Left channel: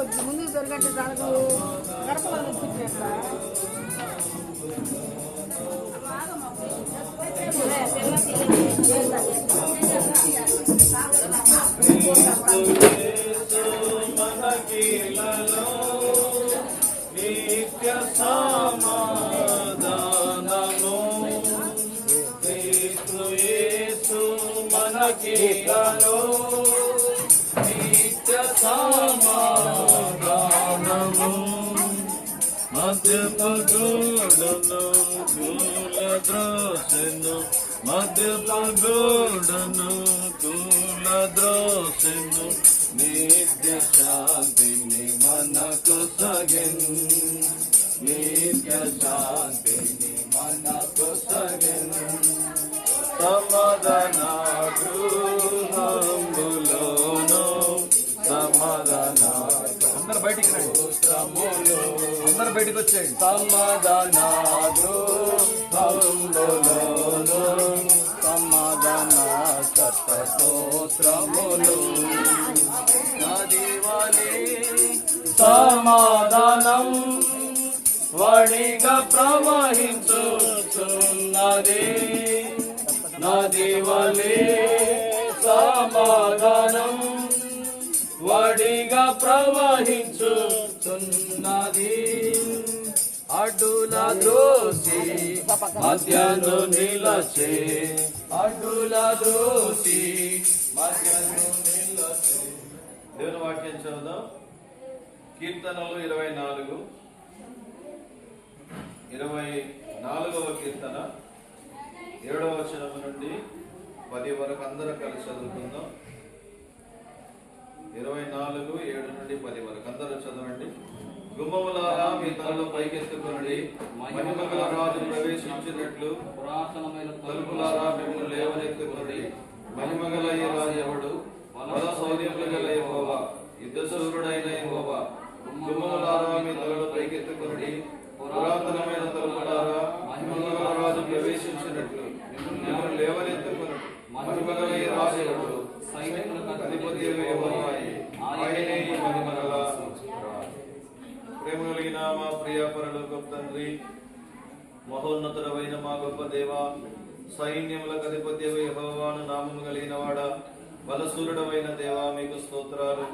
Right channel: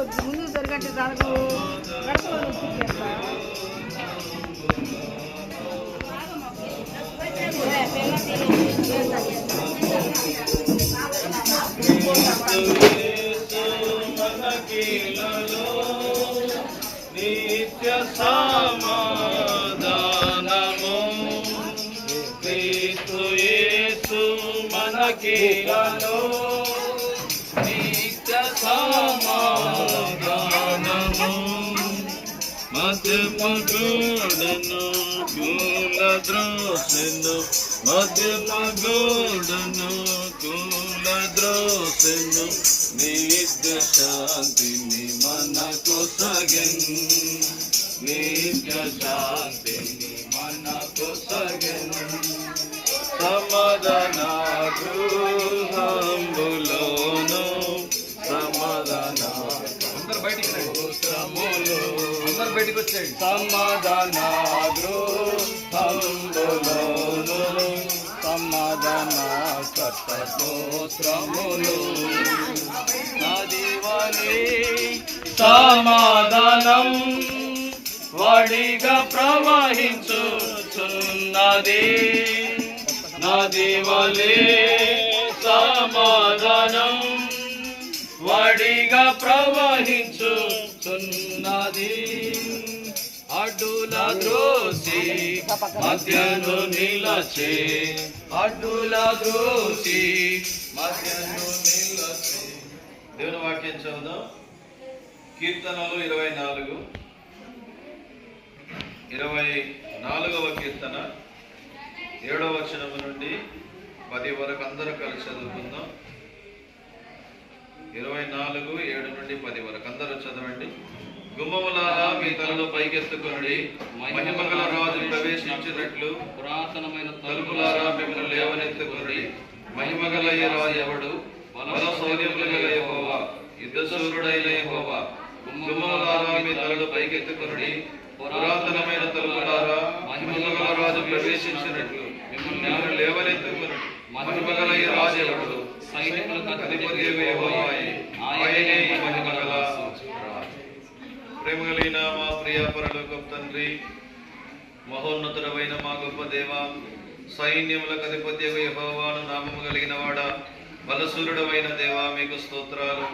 కొద్ది ముందు దొరికంటే దానికి నిత్య సమాధానము క్రీస్తు యేసు మనకిలలో నిత్య సమాధానము మధ్యపగూడను కూలద్రోసెను మధ్యపగూడను కూలద్రోసెను నిత్య శాంతిని మనకు సగెన్ నిత్య శాంతిని మనకు సగెన్ సమాధాన గృహంబులోను సమాధాన బయటికి వచ్చాయి సమాధాన గృహంబులోను సమాధాన స్తోత్రములు నదివలే సమాధానం వడిగా ప్రవహించుచున్నది నదివలే సమాధానం వడిగా ప్రవహించుచున్నది అడ్డుల ద్రోసి మధ్యను నిలచే అడ్డుల ద్రోసి మధ్యను నిలచే దేవుని వాక్యం చదువుదాం. కీర్తనలు 24వ కీర్తన 7వ వచనం నుండి 10 వరకు అందరూ కలిసి చదువుకుందాం. 24:7 నుండి 10 వరకు అందరూ చదవండి. గుమ్మములారా మీ తలను పైకెత్తుకొనుడి, మహిమగల రాజు ప్రవేశించినట్లు పురాతనమైన తలుపులారా మిమ్మల్ని లేవనెత్తుకొనుడి. మహిమగల ఈ రాజు ఎవడు? బల శౌర్యములు గల యెహోవా, యుద్ధశూరుడైన యెహోవా. గుమ్మములారా మీ తలను పైకెత్తుకొనుడి, పురాతనమైన తలుపులారా మహిమగల రాజు ప్రవేశించినట్లు మిమ్మల్ని లేవనెత్తుకొనుడి. మహిమగల ఈ రాజు ఎవడు? సైనికులకు అధిపతి యెహోవాయే, ఆయనే ఈ మహిమగల రాజు. ప్రేమ కలిగిన మా ప్రియ పరలోకపు తండ్రి, మహోన్నతుడవైన మా గొప్ప దేవ, సైన్యములకు అధిపతి యెహోవాను నామము కలిగిన వాడా, బలశూరుడవైన దేవా మీకు స్తోత్రాలు.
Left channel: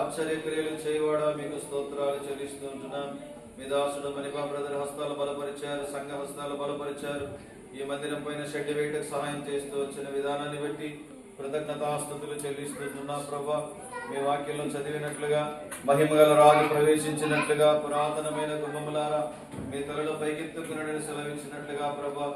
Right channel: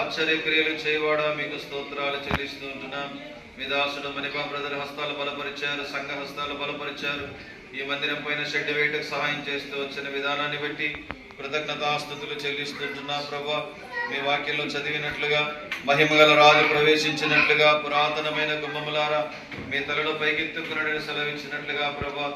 ఆశ్చర్యక్రియలు చేయవాడా మీకు స్తోత్రాలు చెల్లిస్తూ ఉంటున్నాం. మీ దాసుడు మణిపా బ్రదర్ హస్తాలు బలపరిచారు, సంఘ హస్తాలు బలపరిచారు. ఈ మందిరం పైన షెడ్ వేయటకు సహాయం చేస్తూ వచ్చిన విధానాన్ని బట్టి కృతజ్ఞతాస్తుతులు చెల్లిస్తుంటున్నా. ప్రభా, మీ వాక్యంలో చదివినట్లుగా మహిమగల రాజు ప్రవేశించినట్లుగా పురాతనమైన గుమ్మములారా మీ తలలో పైకెత్తుకుని సెలవించినట్లుగా ప్రభా,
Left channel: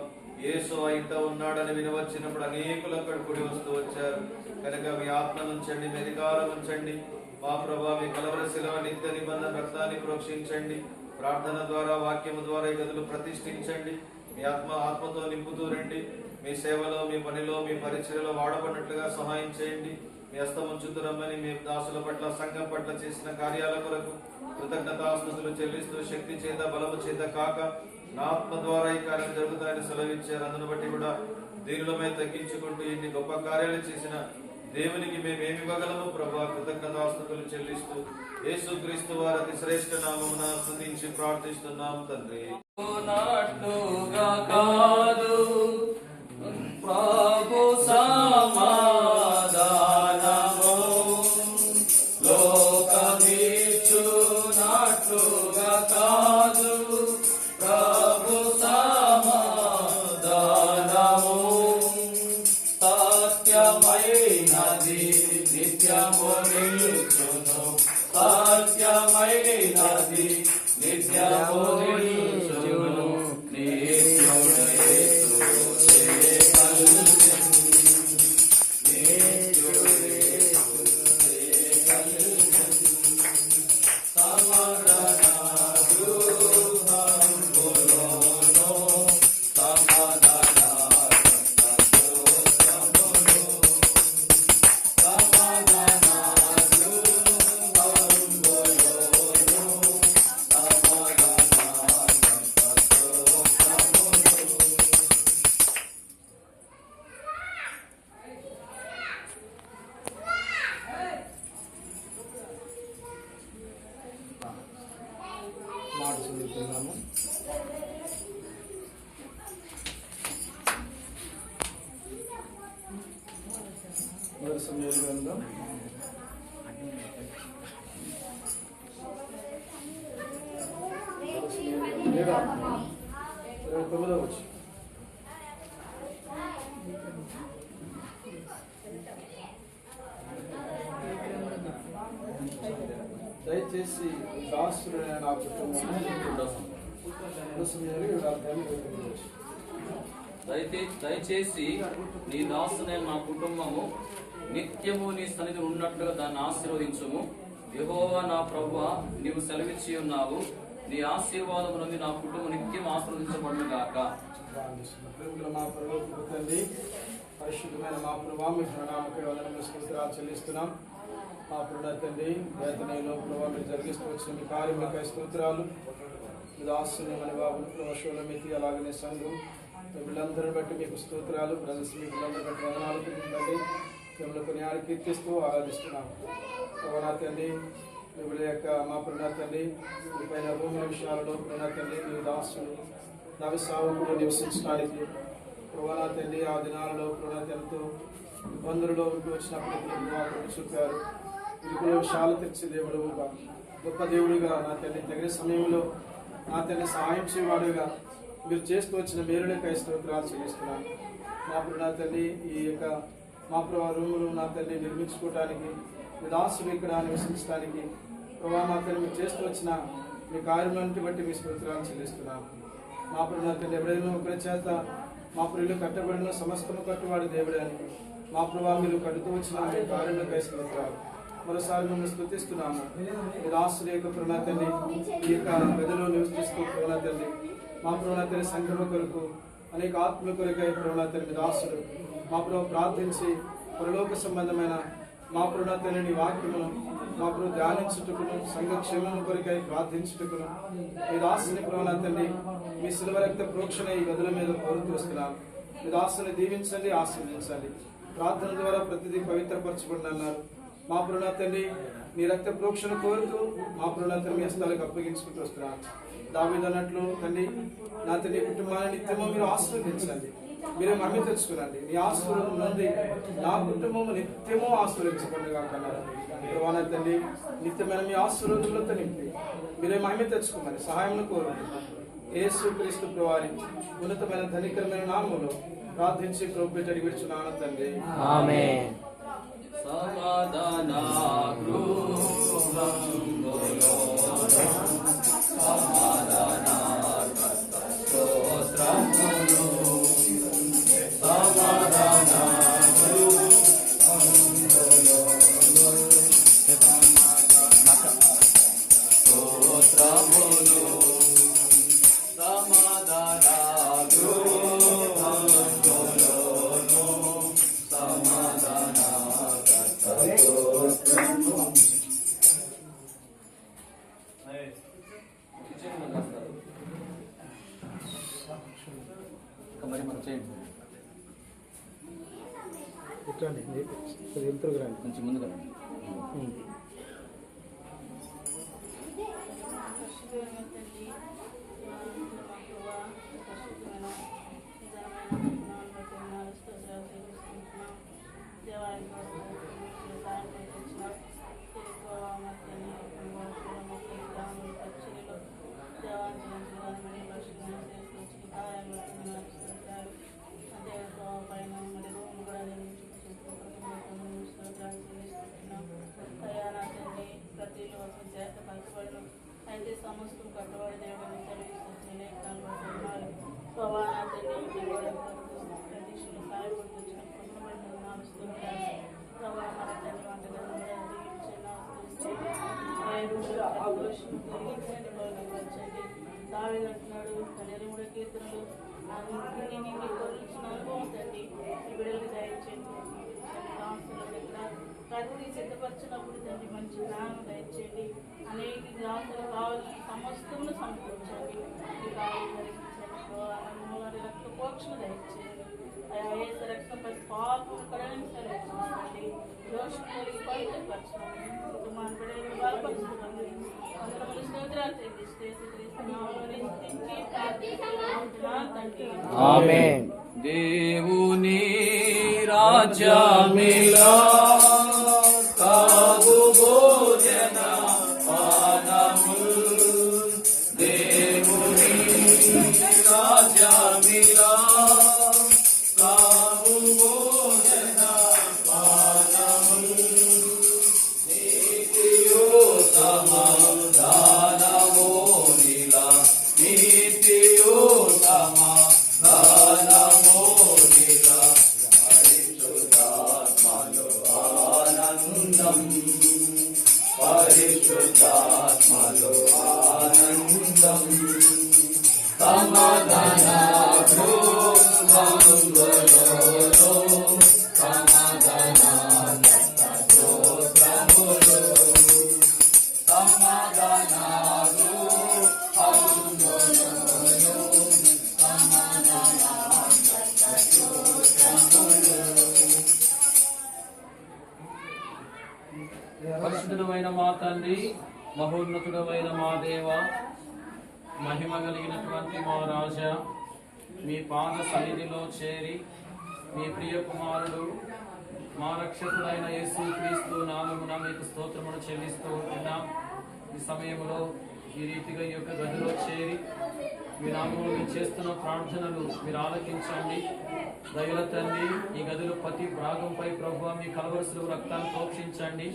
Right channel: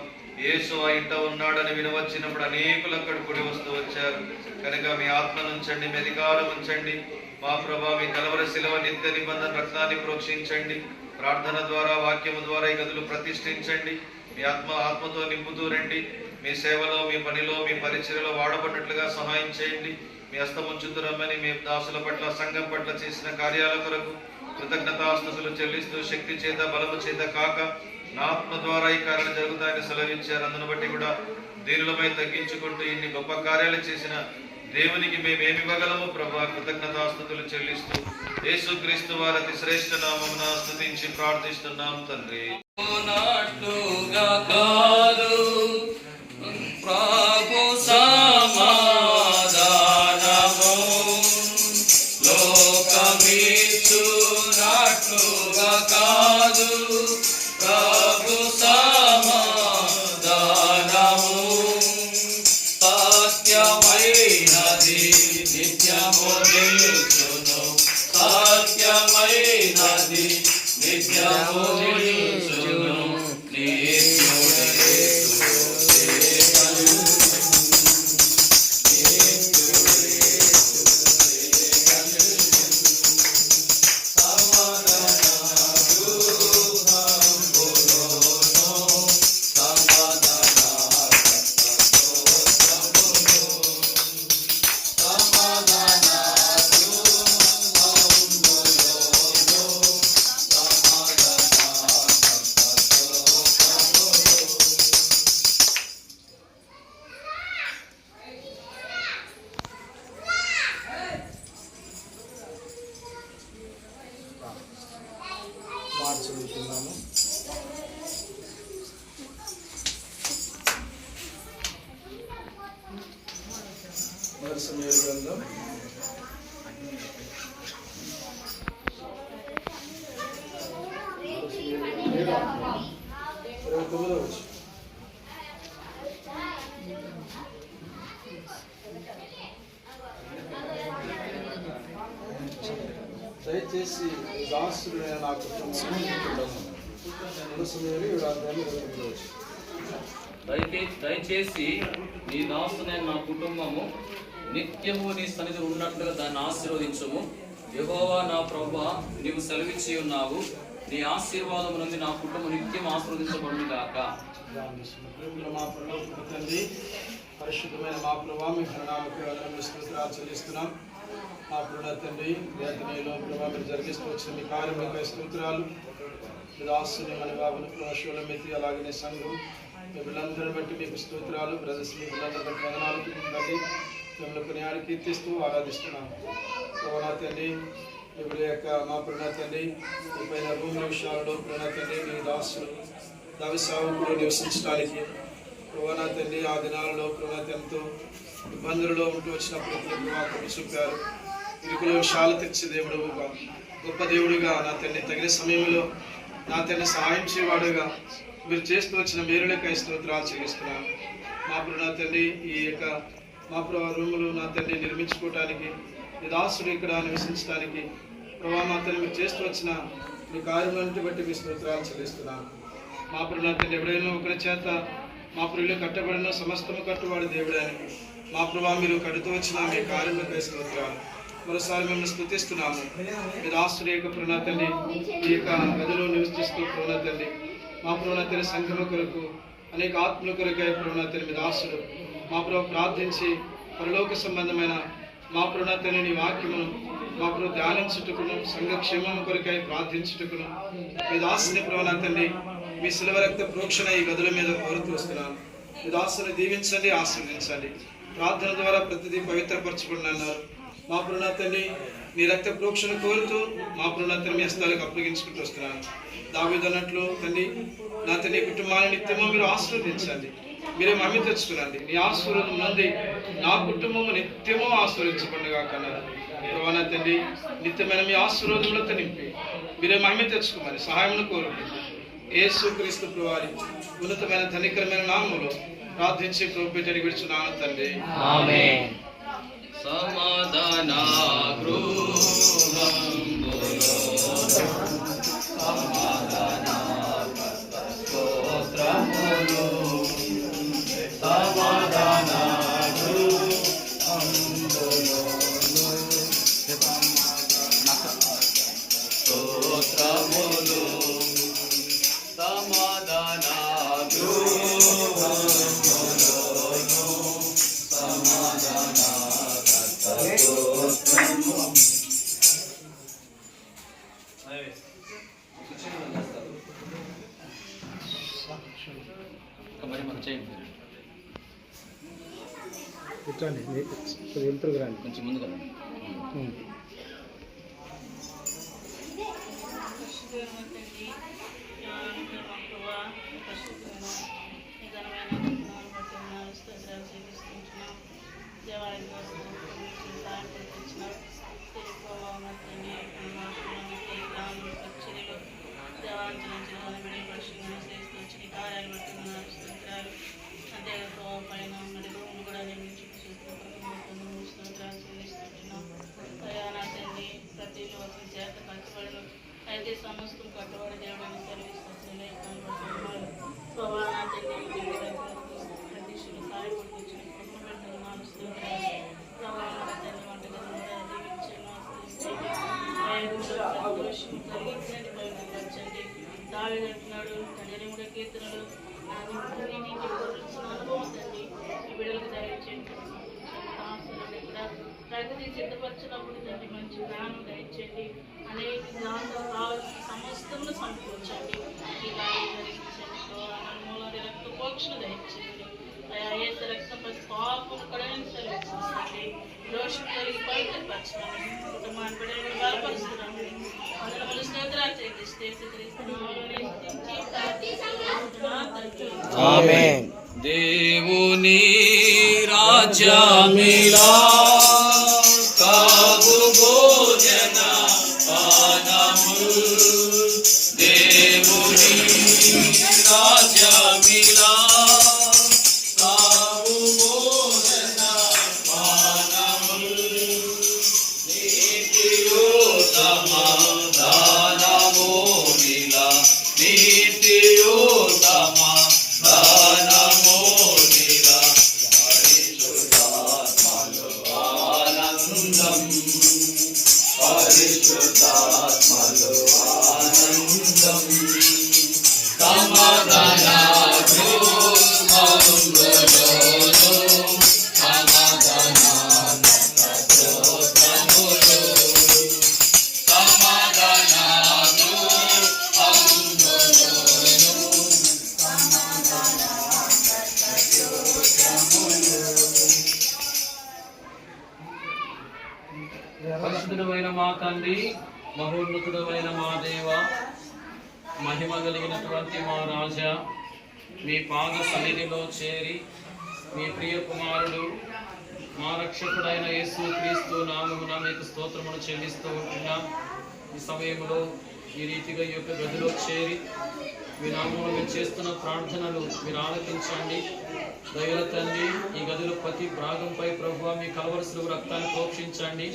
యేసు ఆ ఇంట ఉన్నాడని వినవచ్చినప్పుడు అనేకులు అక్కడ కూడి వస్తూ వచ్చారు. కనుక మీ ఆత్మను ఉంచండి, మీ అధికారం ఉంచండి. మా ప్రభా, మీ కలవర శిలవ నిత్య నిబంధన రక్తాన్ని ప్రోక్షించండి. ప్రార్థన ద్వారా వాక్యము ద్వారా ఈ గదులు ప్రతిష్ఠించండి. మీ ఆత్మతో నింపుతూ రండి. మీ సేవలో, మీ పనిలో, మీ పరిచర్యలో వాడబడినట్లుగా సహాయం చేయండి. మీ హస్తముంచుతురమ్మని మీ దాసుల పట్ల, సంఘం పట్ల చేసిన కార్యాల కొరకు కృతజ్ఞతాస్తుతులు చెల్లిస్తూ శక్తి చేత బలము చేత కాక నా ఆత్మ ద్వారా ఈ కార్యాలు జరుగుతాయని సెలవిచ్చారు. అందును బట్టి కూడా దీనులమై తగ్గించుకుంటూ ఇన్ని గొప్ప కార్యాలు చేసిన దేవునికి మేమేమి ఇవ్వగలము ప్రభా? కృతజ్ఞతాస్తుతులు చెల్లిస్తూ యేసుక్రీస్తు వారి అతి శ్రేష్ఠ నామమున స్తుతించి ప్రార్థిస్తున్నాం తండ్రి. ప్రభు సమాధానము లోకమిచ్చునట్లుగా కాదు, ప్రభు సమాధానము సత్యమైనది నిత్యము నిలుచును, సత్యమైనది నిత్యము నిలుచును. మాట చదువుతున్నాము. సమూయేలు గ్రంథం 29వ వచనం. దయచేసి దాసుడు నా దయచేసి నీ దాసునైన నా కుటుంబము నిత్యము నీ సన్నిధి ఉన్నట్లుగా దాన్ని ఆశీర్వదించము. యెహోవా నా ప్రభువా, నీవు సెలవిచ్చి ఉన్నావు, నీ ఆశీర్వాదము నుండి నా కుటుంబం నిత్యం ఆశీర్వదించబడును గాక. మా పరలోకపు తండ్రి, పరిశుద్ధమైన మా ప్రభువా, మీ ఘననామమునకు వందనములు స్తుతులు చెల్లిస్తున్నాం. మా ప్రభువా తండ్రి, వేదనలో ప్రభువా మీరు జరిగిస్తూ వచ్చిన మీ కార్యములకై స్తోత్రాలు. మీ దాసుని మన బాబును ప్రభాషులమితి అలాగనే సంఘం వీళ్ళందరిని బట్టి మీకు స్తోత్రాలు. బ్రదర్స్ మీ వీళ్ళందరి బట్టి వందనాలు తండ్రి. మిమ్మల్ని కొనియాడి కీర్తిస్తూ ఆరాధిస్తున్నాం. ప్రభువా తండ్రి, ఇప్పుడు యొక్క మా ప్రభువా తండ్రి, మీ పైన భూమి విషయాలలో ప్రభువా తండ్రి మీ దాసులు దైవ సేవకులు నివసించడానికి ప్రభువా తండ్రి ఆ దినాలలో ప్రభువా ఎంతో ఇబ్బందులలో ఉంటూ వచ్చినప్పుడు మాకు చూపారు. ఇరుకుల విషయాలు తెచ్చే దేవుడుగా, గొప్ప దేవుడిగా నా తండ్రి తగిన సమయంలో నా తండ్రి సహాయం చేయవాడుగా మీరు చేస్తూ వచ్చిన మేలులకై స్తోత్రాలు చెల్లిస్తున్నాను. మా ప్రభు నా తండ్రి ఈ యొక్క మా ప్రభు రూములు నా తండ్రి నిర్మించుకోవటానికి, మీ దాసుడు ఇక్కడ నివసించడానికి ప్రభా మా తండ్రి మీరు చేస్తూ వచ్చిన మీ కార్యములను బట్టి మీ స్తోత్రాలు చెల్లిస్తున్నాను. మా ప్రభు నా తండ్రి ఎవడైనా ఒకరి చేత మా ప్రభులు కట్టబడిన సమస్తము కట్టువాడు దేవుడని మా ప్రభా మీరు కడుతూ వచ్చిన మీ కార్యములకై స్తోత్రాలు. మరోసారి మిమ్మల్ని స్తుతిస్తున్నాము. మీ దాసుడు యొక్క ప్రభు నా తండ్రి ఈ యొక్క గదిలో నివసిస్తూ ప్రభు నా తండ్రి మా ప్రభు నా తండ్రి సంఘము కొరకు అనేక ఆత్మల కొరకై ప్రభు నా తండ్రి మీ దాసుడు మా ప్రభు ప్రార్థించి పరలోక సంబంధమైన మా ప్రభు నా తండ్రి నీ వాక్యమును మా ప్రభు ధ్యానించుటకును, సంఘక్షేమం కొరకై ప్రార్థించుటకును మీ దాసుని ప్రభు నా తండ్రి మీ శిలువ రక్త ప్రోక్షణ ఈ గదుల మీద కోరుతూ వస్తున్నాను. మీ దాసుని దీవించండి, ఆశీర్వదించండి. ప్రార్థన ద్వారా ప్రతిదీ పవిత్రపరచబడి అన్నారు. మా ప్రభు నా తండ్రి మీ రక్త ప్రోక్షణ కోరుతూ మా ప్రభు నా తండ్రి మీ హస్తాలకు అప్పగించుకుంటూ వస్తున్నాను. దావీదు అన్నట్లు తండ్రి నా తండ్రి కుటుంబాన్ని నిత్యము మీరు ఆశీర్వదించండి, మీరే మహిమ తెచ్చుకునండి. నీ ఆశీర్వాదం నుండి నా కుటుంబము నిత్యము ఆశీర్వదించబడిగా కన్నారు. ప్రభు నా తండ్రి నిత్యమైన మీ ఆశీర్వాదములతో నింపి మీరే మహిమ తెచ్చుకోమని సహాయమును కోరుకుంటున్నాను. యేసుక్రీస్తు ప్రభువారి ఉన్నతమైన ధనికరమైన నామములో ప్రార్థించి ప్రభు పేటని విడుచున్నాను తండ్రి, ఆమేన్. సమాధాన మరి మనం చేయండి, కొంచెం ముందుగా అయితే సమస్తం కట్టుబడి దేవుడిని సెలవిస్తున్నాను. ప్రతిష్ఠలు సాయపడుకొచ్చిన కుటుంబం స్తోత్రాలు. ప్రభావం తండ్రి వంటగది కలిగించండి. దావీదు అంటున్నాడు, తండ్రి 3 కీర్తనలు అనుభవం తండ్రి ఈ బిడ్డలకు దయచేయండి. ప్రగతి సిద్ధపరచినప్పుడు తండ్రి మంచి జ్ఞానం దయచేయండి. అనేక జ్ఞానాలు కావాల్సిన సమస్తమును సమకూర్చండి. ఈ కార్యం జరిగించండి. నలుమూలని రక్త పోషణ దయచేయండి. అయా ఏసు రక్తం ప్రతి పాపం కడలించండి. దోషం కలిగి పవిత్రపరచండి. కుటుంబాన్ని బిడ్డలను బలపరుస్తున్నాను. అందరూ స్తోత్రాలు చెల్లిస్తే తండ్రి. ఆమేన్. దేవుని రాజ్యమిలా కావు భోజన పానముల్. దేవుని రాజ్యమిలా కావు భోజన పానముల్. నీతియు సమాధానము నిలా, నీతియు సమాధానము నిలా, పరిశుద్ధాత్మలో ఆనందం, పరిశుద్ధాత్మలో ఆనందం. సమాధాన పరిశుద్ధుడమైన మా తండ్రి, మహోన్నతుడమైన మా దేవ, మహిమ కలిగినటువంటి మా రాజా, మీ పాద సన్నిధిలో చేరి మీ ప్రియ కుమారుడు మా రక్షకుడైన యేసుక్రీస్తు నామమున మీకు స్తోత్రమును చెల్లిస్తూ ఉంటున్నాం. ఈ సమయంలో ఈ రీతిగా ఈ యొక్క గదిలో చేరి మీ నామమును మీరు చేస్తున్న ప్రార్థనలు మీరు ఆలకించండి. దయల తండ్రి, ఈ గదిలో ప్రతి భాగంపై ప్రభువా మీ కలవరసులు రక్తాన్ని ప్రోక్షించండి.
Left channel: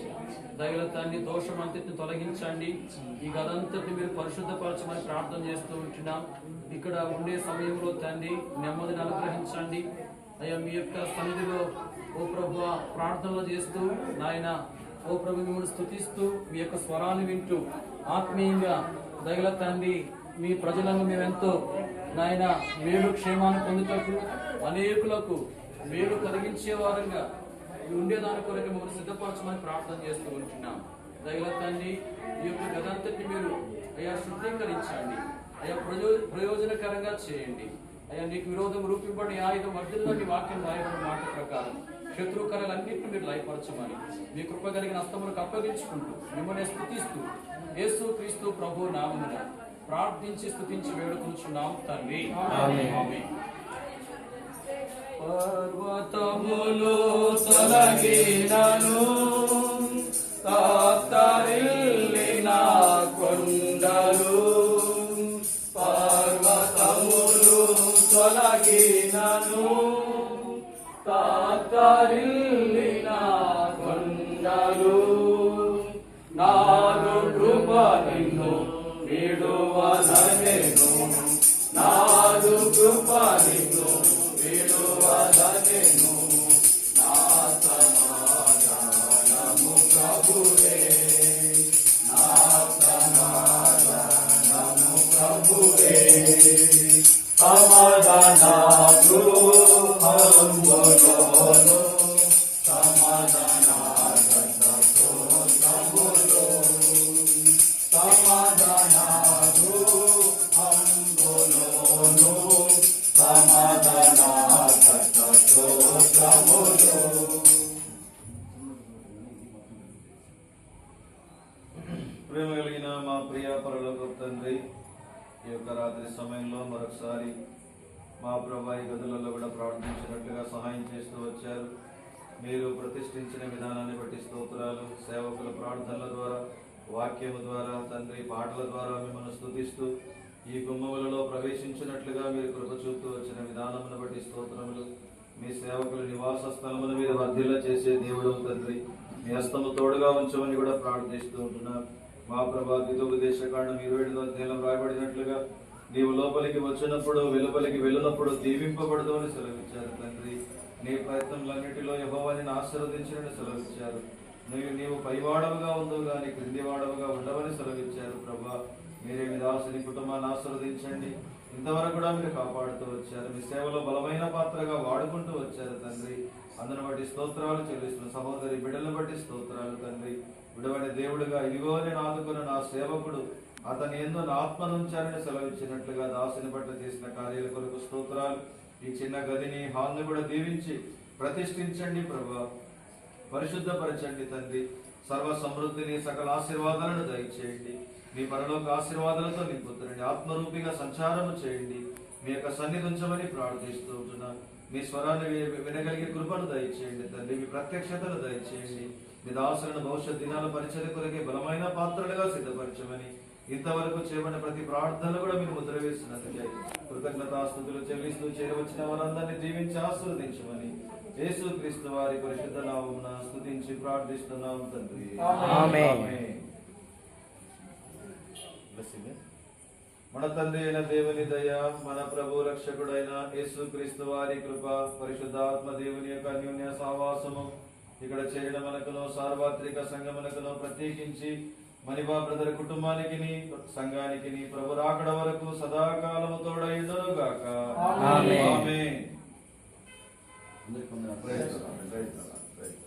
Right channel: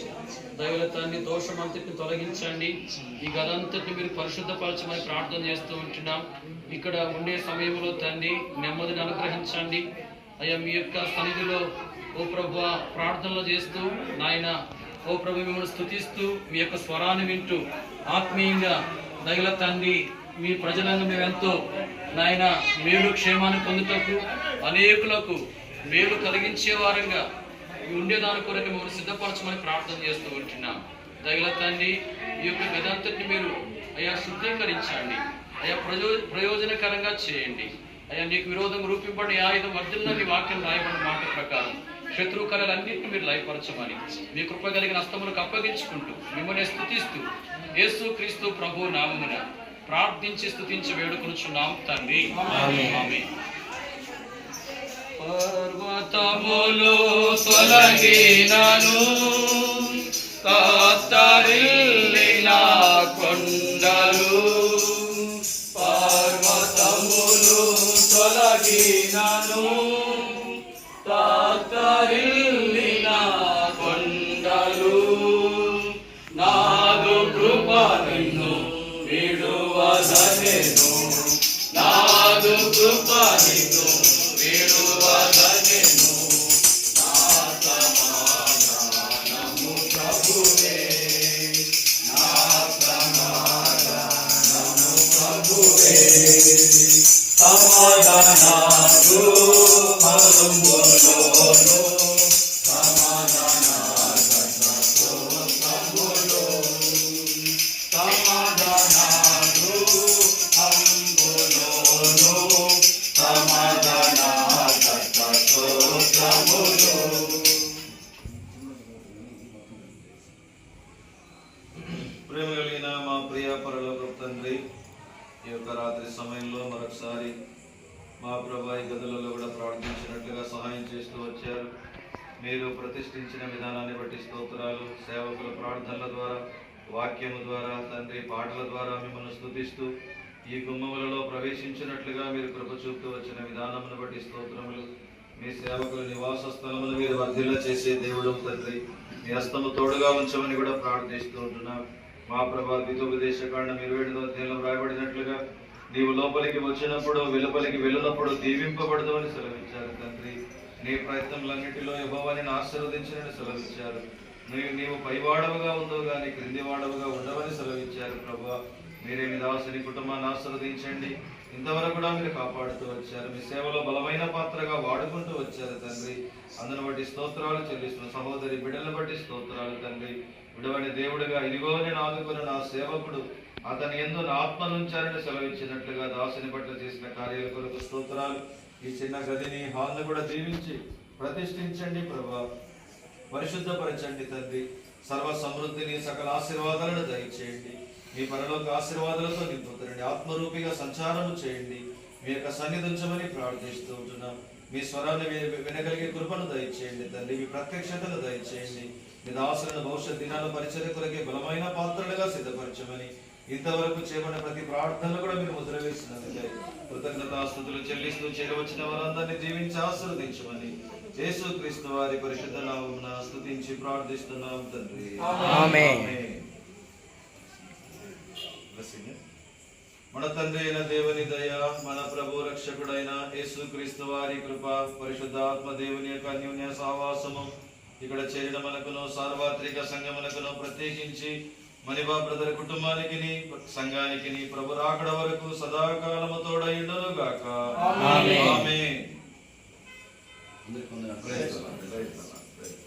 దయల తండ్రి, దోషమంతటిని తొలగించండి. ఈ గదంతటిని మీరు పరిశుద్ధపరచమని ప్రార్థన చేస్తూ ఉంటున్నాం. ఇక్కడ ఉండే సమయంలో తండ్రి నెమ్మదిని అనుగ్రహించండి. అయ్యా మీ యొక్క సన్నిధిలో ఓ ప్రభువా ప్రార్థనలు చేస్తూ నాయన ఓ ప్రభు మిమ్మల్ని స్తుతిస్తూ మీ యొక్క స్వరాన్ని వింటూ ఆత్మీయంగా దయల తండ్రి మీ ప్రజలను మేమెంతో నాయన మేలు క్షేమాన్ని పొందుటకు అనేకులకు మేలు కలిగించే వారంగా ఉండేదాని కొరకు మిమ్మల్ని సిద్ధపరచమని ప్రార్థన చేస్తూ ఉంటున్నాం. దయల తండ్రి, ఈ యొక్క గదంతటిని మీరు అయ్యా శుద్ధీకరించండి. అయ్యా ప్రయోజనకరంగా చేయండి. అయ్యా నీకు విరోధం రూపింపబడి ఆయుధం వర్ధిల్లని వాక్యం రాయబడిన మాట ప్రకారం శత్రు కళలన్నింటినీ మీరు లయపరచమని మీ కృప కలిగిన హస్తములకు అప్పగించుకుంటూ మిమ్మల్ని స్తుతిస్తూ యేసుక్రీస్తు ప్రభు నామమున ప్రార్థించి స్తుతించి వేడుకొనుచున్నాం తండ్రి. ఆమేన్. పర్వతములు తొలగినను, తాత్తరిల్లిన కొండలు, పర్వతములు తొలగినను, తాత్తరిల్లిన కొండలు, నాదు కృప నిన్ను విడువదనెను, నాదు కృప నిన్ను విడువదనెను, నా సమాధానము ప్రభువే, నా సమాధానము ప్రభువే, సమాధానము హంబులోను, సమాధానములో, సమాధానము హంబులోను, సమాధానములో. ప్రేమ కలిగిన మా ప్రియ పరలోకపు తండ్రి, ఈ యొక్క రాత్రి సమయంలో మరొకసారి మా ప్రభా ఈ గదులలో కూడా ప్రార్థించినట్లుగా సహాయం చేస్తూ వచ్చారు. మీరు ప్రతిష్ఠించిన విధానాన్ని బట్టి స్తోత్రాలు. సేవకుల ప్రార్థనల ద్వారా, వాక్యము ద్వారా, తండ్రి పాటల ద్వారా మిమ్మల్ని స్తుతిస్తూ ఈ గుమ్మములలో ప్రవేశించినట్లుగా మీరు కృప చూపుతూ వచ్చిన విధానమును బట్టి స్తోత్రములు. మీ సేవకుల నివాస స్థలమును మీరు వర్ధిల్ల చేసే దేవుడు తండ్రి, మీ హస్తము తోడుగా ఉంచమని కూడా ప్రార్థిస్తూ ఉంటున్నాం. మా ప్రభా ద్వితోపదేశకాండం 27వ అధ్యాయంలో రాయబడినట్లుగా నీవు లోపలికి వచ్చినప్పుడు వెలుపలికి వెళ్ళినప్పుడు దీవింపబడదు అని సెలవిచ్చారు తండ్రి. నీ ప్రయత్నములన్నిటిలో యెహోవాని ఆశీర్వదించినని సెలవిచ్చారు. నీవు పైవాడవుగా ఉండవు కానీ క్రిందివాడవుగా ఉండవని సెలవిచ్చారు. ప్రభా మీరే మీ దాసుని కుటుంబాన్ని ఆశీర్వదించండి. ఇంతవరకు కూడా మీరు కాపాడుతూ వచ్చారు. మీ సేవలో బలమైన పాత్రగా వాడుకుంటూ వచ్చారు తండ్రి. అందును బట్టి స్తోత్రాలు చెల్లిస్తున్న సహోదరి బిడ్డలను బట్టి స్తోత్రాలు తండ్రి. విడవని దేవుడిగా ఇదిగో నేను ఆదుకున్న నా సేవకుడు అతని యందు నా ఆత్మనుంచారని సెలవిచ్చినట్లుగా దాసుని పట్ల చేసిన కార్యాల కొరకు స్తోత్రాలు. ఈ చిన్న గదిని హాల్ను కూడా దీవించి ప్రతిష్ఠించండి ప్రభా, పరిశుద్ధపరచండి తండ్రి. సర్వ సమృద్ధిని సకల ఆశీర్వాదాలను దయచేయండి. మీ పరలోక ఆశీర్వాదాలతో నింపుతారండి. ఆత్మరూపిగా సంచారము చేయండి. మీ యొక్క సన్నిధి ఉంచమని ప్రార్థిస్తూ ఉంటున్నాం. మీ స్వరాన్ని వినగలిగే కృపను దయచేయండి తండ్రి. మీ ప్రత్యక్షతను దయచేయండి. మీ దాసులను భవిష్యత్ దినాల పరిచర్య కొరకే బలమైన పాత్రలుగా సిద్ధపరచమని ఇంతవరకు చేయబడిన ప్రతి ప్రార్థనలు కూడా మీరు ముద్ర వేసినందుకే కృతజ్ఞతాస్తుతులు చెల్లిస్తూ చేరవచ్చిన వారందరినీ దీవించి ఆశీర్వదించమని యేసుక్రీస్తు వారి పరిశుద్ధ నామమున స్తుతించి ప్రార్థిస్తున్నాం తండ్రి. ఆమేన్. మన తండ్రి అయిన దేవుని దయ, మన ప్రభు రక్షకుడైన యేసుక్రీస్తు వారి కృప, పరిశుద్ధాత్మ దేవుని యొక్క అన్యోన్య సహవాసము ఇక్కడ చేరిన మనకును సార్వత్రిక సంఘమునకును ప్రత్యేకించి మణిబా బ్రదర్ కుటుంబానికి సంఘానికి ప్రభు రాకడ వరకు సదాకాలము తోడయుండును గాక. ఆమేన్. అందరికీ వందనాలు. Praise the lord.